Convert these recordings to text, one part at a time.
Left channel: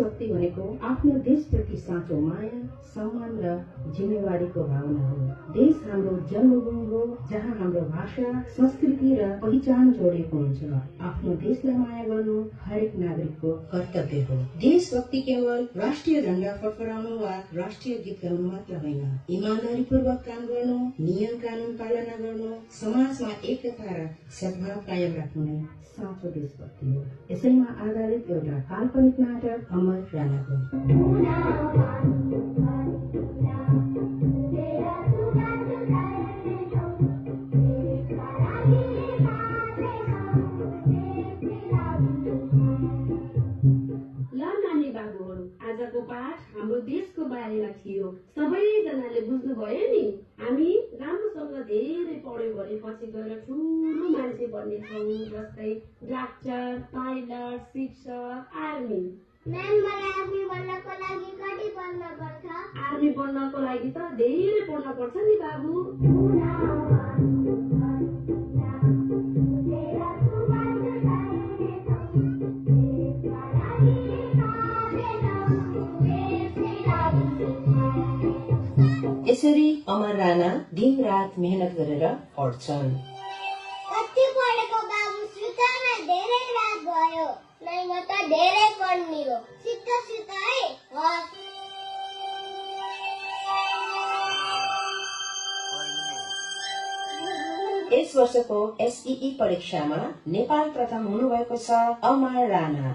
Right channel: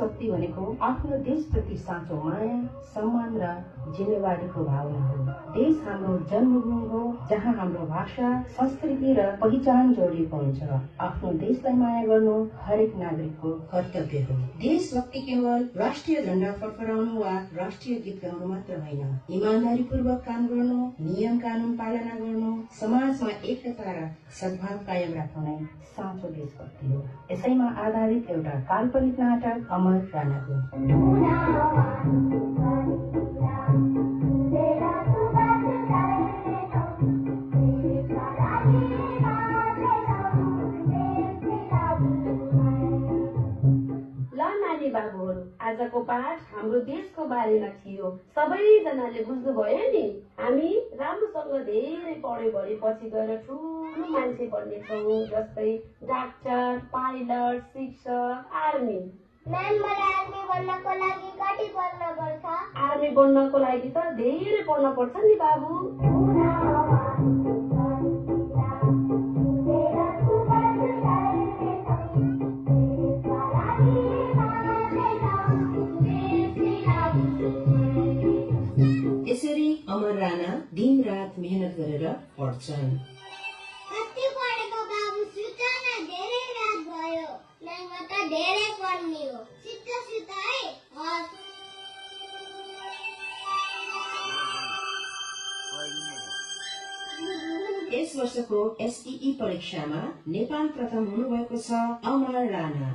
देशभक्ति भनेको आफ्नो देशप्रति साँचो माया, सम्मान र जिम्मेवारीको भावना हो। देश हाम्रो जन्मभूमि हो, जहाँ हाम्रो भाषा, संस्कृति र पहिचान जोडिएको हुन्छ। आफ्नो देशलाई माया गर्नु हरेक नागरिकको कर्तव्य हो। देशभक्ति केवल राष्ट्रिय झण्डा फडफडाउनु वा राष्ट्रिय गीत गाउनु मात्र होइन। ईमानदारीपूर्वक काम गर्नु, नियम कानून पालना गर्नु, समाजमा एकता र सद्भाव कायम राख्नु नै साँचो देशभक्ति हो। यसैमा आधारित एउटा काल्पनिक नाटक अमर राणाको। आजको पाठ हाम्रो देशको बारेमा थियो। सबैजनाले बुझ्नुभयो नि? हामी राम्रोसँग धेरै पढ्यो भने पछि गएर ठुलो मान्छे बन्नेछौँ, जस्तै डाक्टर, पाइलट, शिक्षक, आर्मी। म्याम, मलाई आर्मी बन्नको लागि कति पढ्न पर्छ? आर्मी बन्नको लागि त धेरै पढ्न पर्छ नि बाबु। यसरी अमर राणा दिन रात मेहनत गरेर पढ्छन्। कति पढेको बाबु, सुत्न धेरै रात भयो। नै म त धेरै पढ्ने हो। सुत है। यस वर्षको एसईई परीक्षामा नेपाल प्रथम हुनुभएको छ अमर राणा।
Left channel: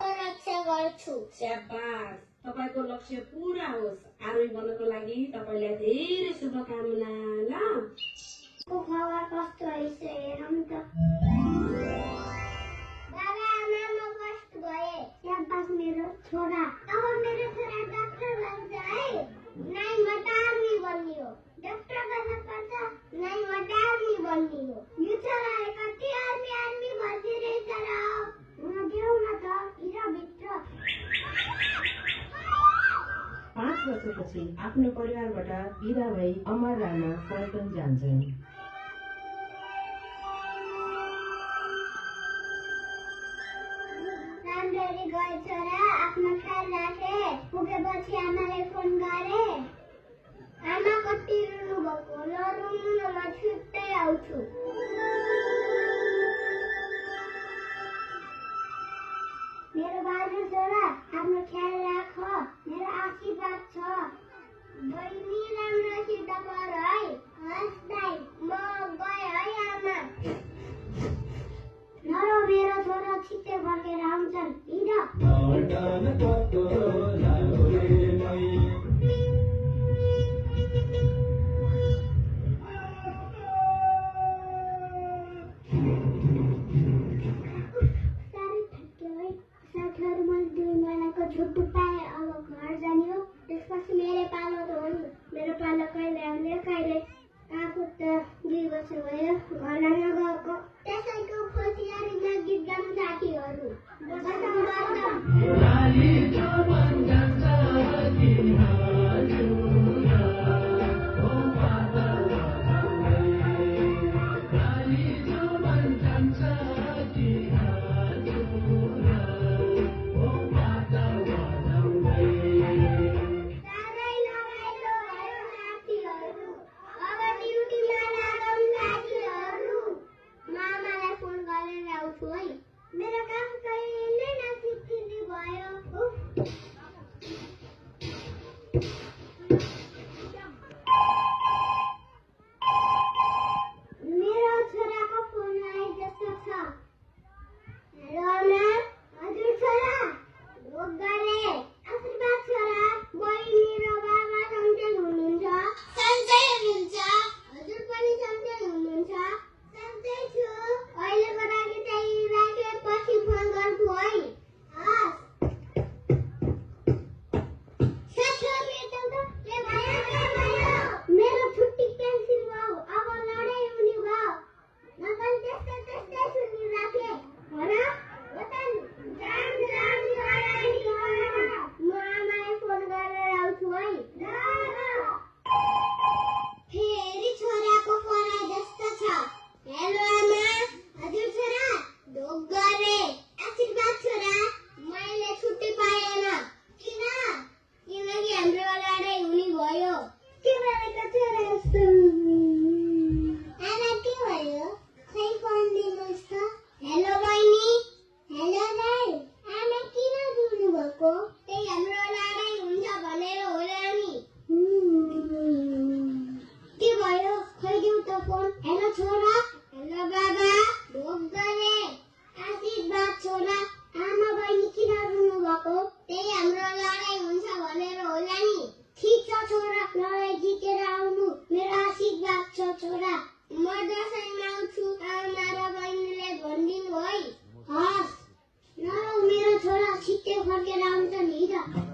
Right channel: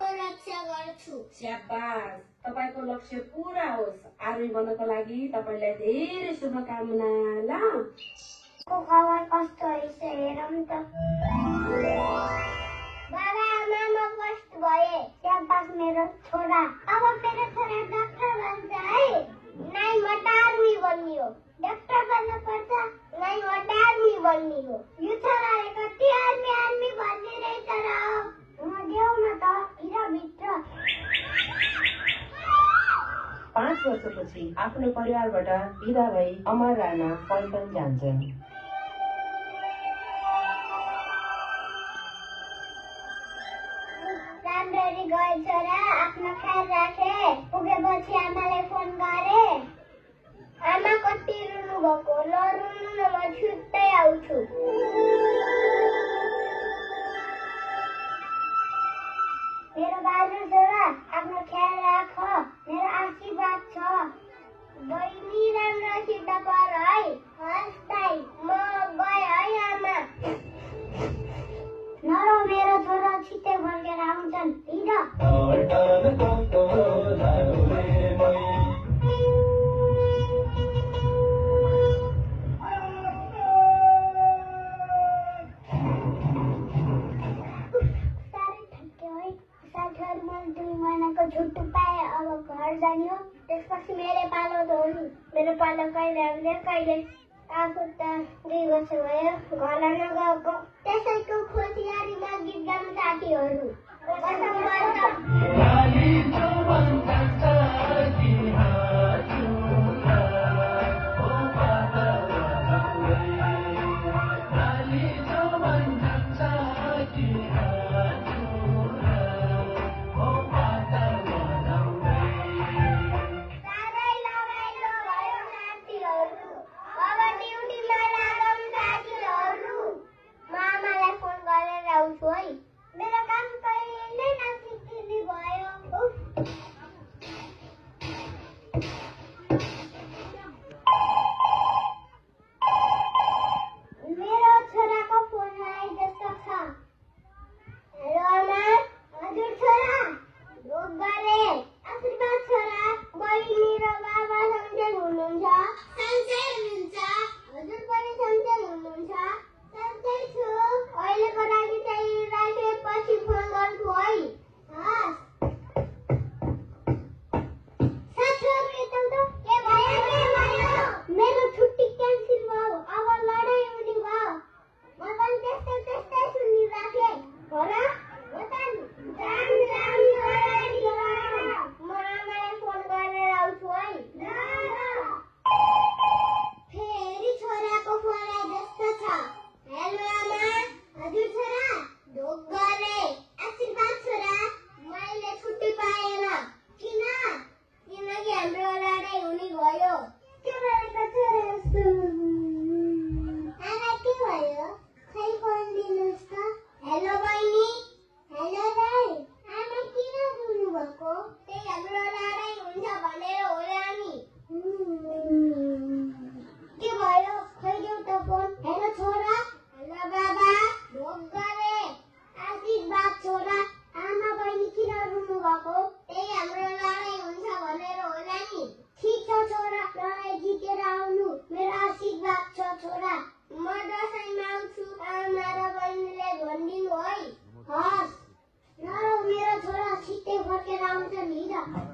रक्षा गर्छु। स्याबास, तपाईको लक्ष्य पूरा होस्। आर्मी बन्नको लागि तपाईलाई धेरै शुभकामना। ल, खबर कस्तो रहेछ हेरौँ त। बाबा, आमा, म फर्स्ट भए। स्याबास मेरो छोरा। अब मेरो छोरा डाक्टर बन्छ है। नै म त आर्मी बन्ने हो। डाक्टर बन्न पर्छ। नै म त आर्मी बन्ने हो। यो छोराले कति आर्मी भनिरहेछ र। म देऊ न त भित्र। 5 वर्षपछि आफ्नो परिवारबाट बिदा भई अमर राणा पल्टन जान्छन्। राम्ररी गए छोरा, आफ्नो ख्याल राखे। पुगेपछि आमालाई फोन गरे। आमा कति रुनु भएको, नरुनु न, म छुट्टै आउँछु। मेरो बाबु छोरा, आफ्नो ख्याल राख। मेरो आशीर्वाद छ। बहिनी राम्रोसित पढ है। हस् दाइ, म गए है आमा। नरो, मेरो छोरा छिट्टै फर्केर आउँछन्। साथीहरू, मैले 2 महिनाको छुट्टी पाएँ। अब घर जाने हो। त्यसपछि मेरो पालो धोनी। मेरो पालो कहिले आउने कहिले। आफू त 2 वर्ष भयो घर नगएको। त्यसैको खुसियारीमा गीत गाउँ साथीहरू। मेरो काम कहिले नसिकिने भयो। खोइदेऊ त फोन। हेलो छोरा। हेलो बाबा। ढोक गरे। आशीर्वाद छोरा। आमा बहिनी किन रुनु भएको? त्यही हाम्रो लडाई हुन्छ भनेर होला नि। ठिक छ छोरा, लडाई जितेर आउनु मेरो आशीर्वाद छ छोरा। म दसैँमा आउँछु, आमा र बहिनीले भनिदिनु है। हस्। नरौ मेरो छोरा, छिट्टै फर्केर आउँछ नि त।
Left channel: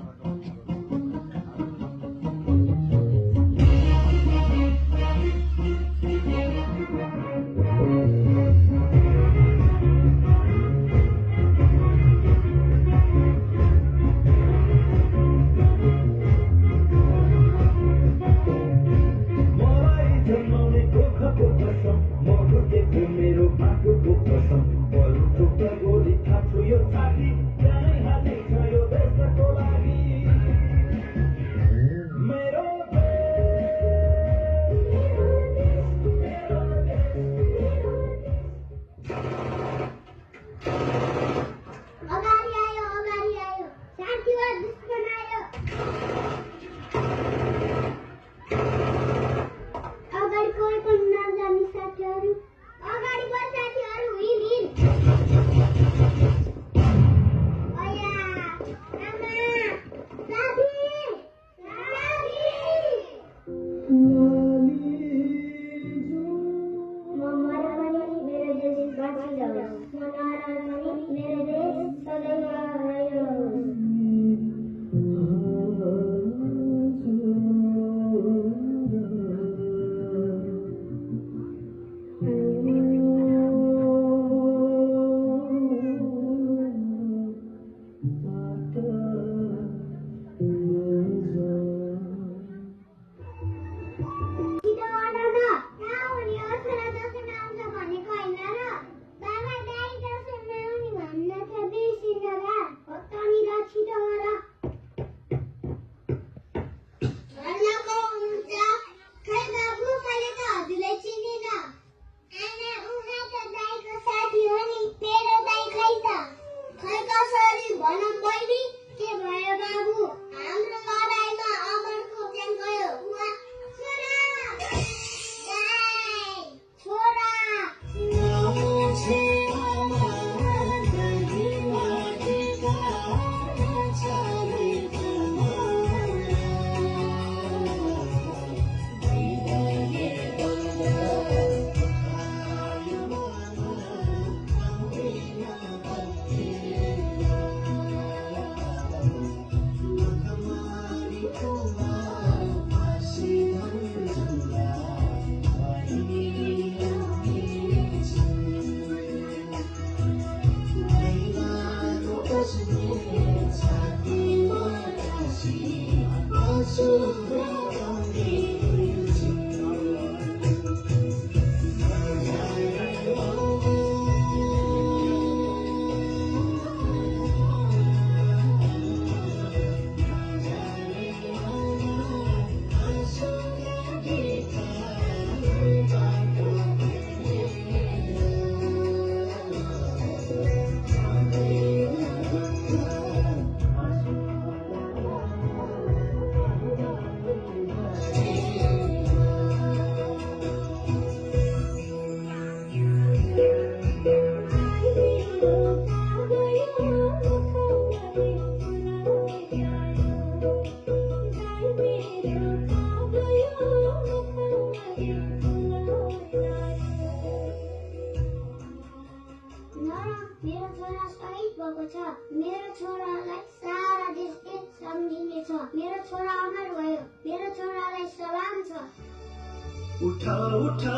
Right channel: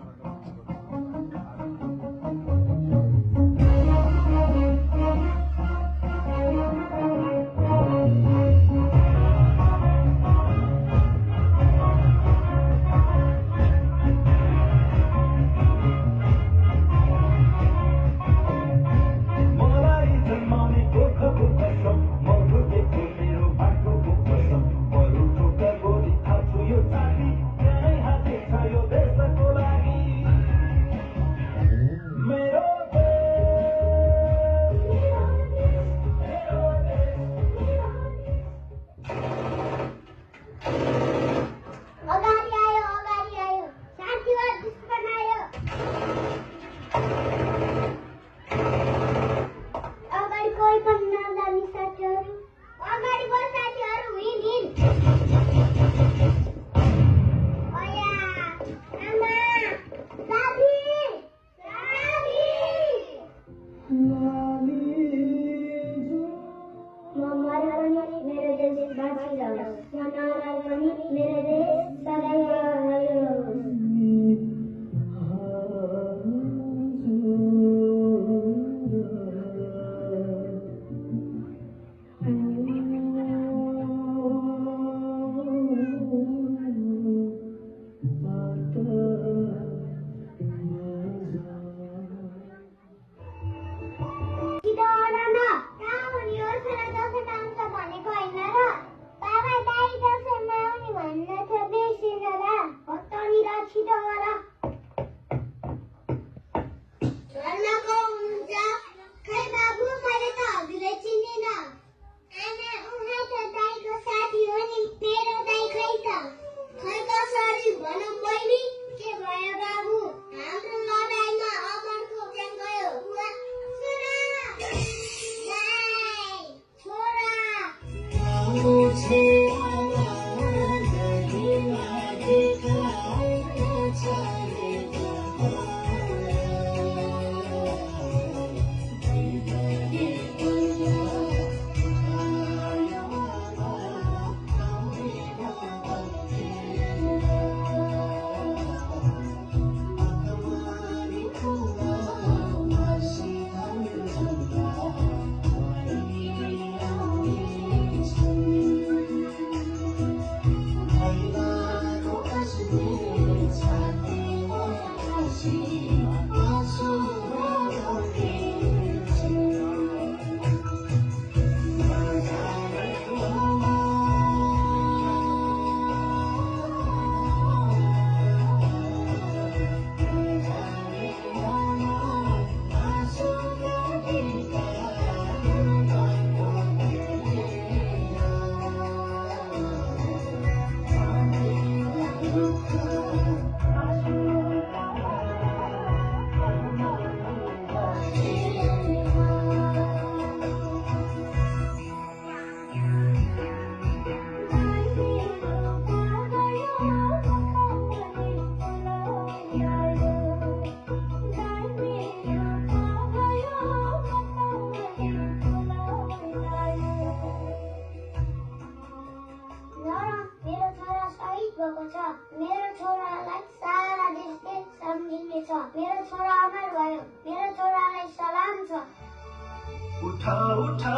उठा उठा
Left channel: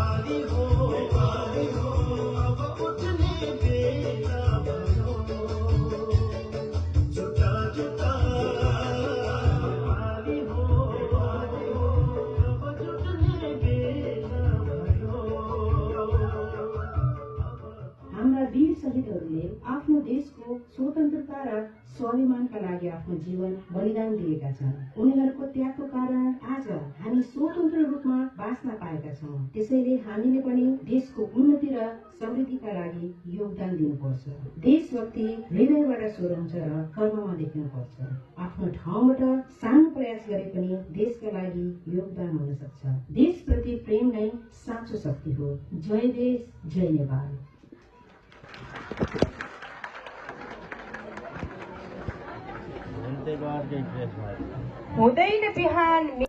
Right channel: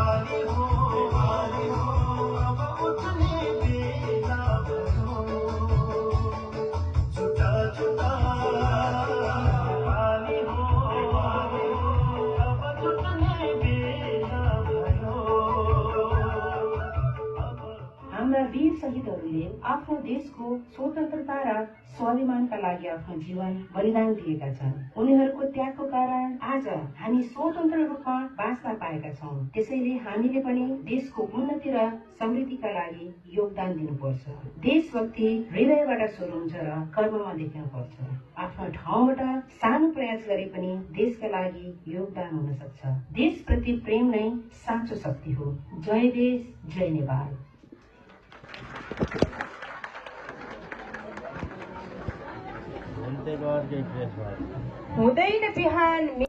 आली हो अब उठने बेला भयो जुटा जुटा आली हो अब जुटने बेला भयो। हाम्रा वीर शहीदहरूले आफ्नो देशको स्वतन्त्रता र स्वाभिमानका लागि आफ्नो जीवन बलिदान दिएका छन्। उनीहरूको त्यागको कारण आज हामी स्वतन्त्र रूपमा बाँच्न पाएका छौँ। त्यसैले हामीले पनि देशको उन्नति र समृद्धिका लागि योगदान दिनुपर्छ। देशभक्ति हृदयबाट सुरु हुन्छ र कर्ममा देखिनुपर्छ। आफ्नो ठाउँबाट सानो प्रयास गरे पनि देशका लागि योगदान हुन सक्छ। देशप्रति प्रेम नै साँचो शक्ति हो। जय देश, जय नेपाल। हुँदैन बिहान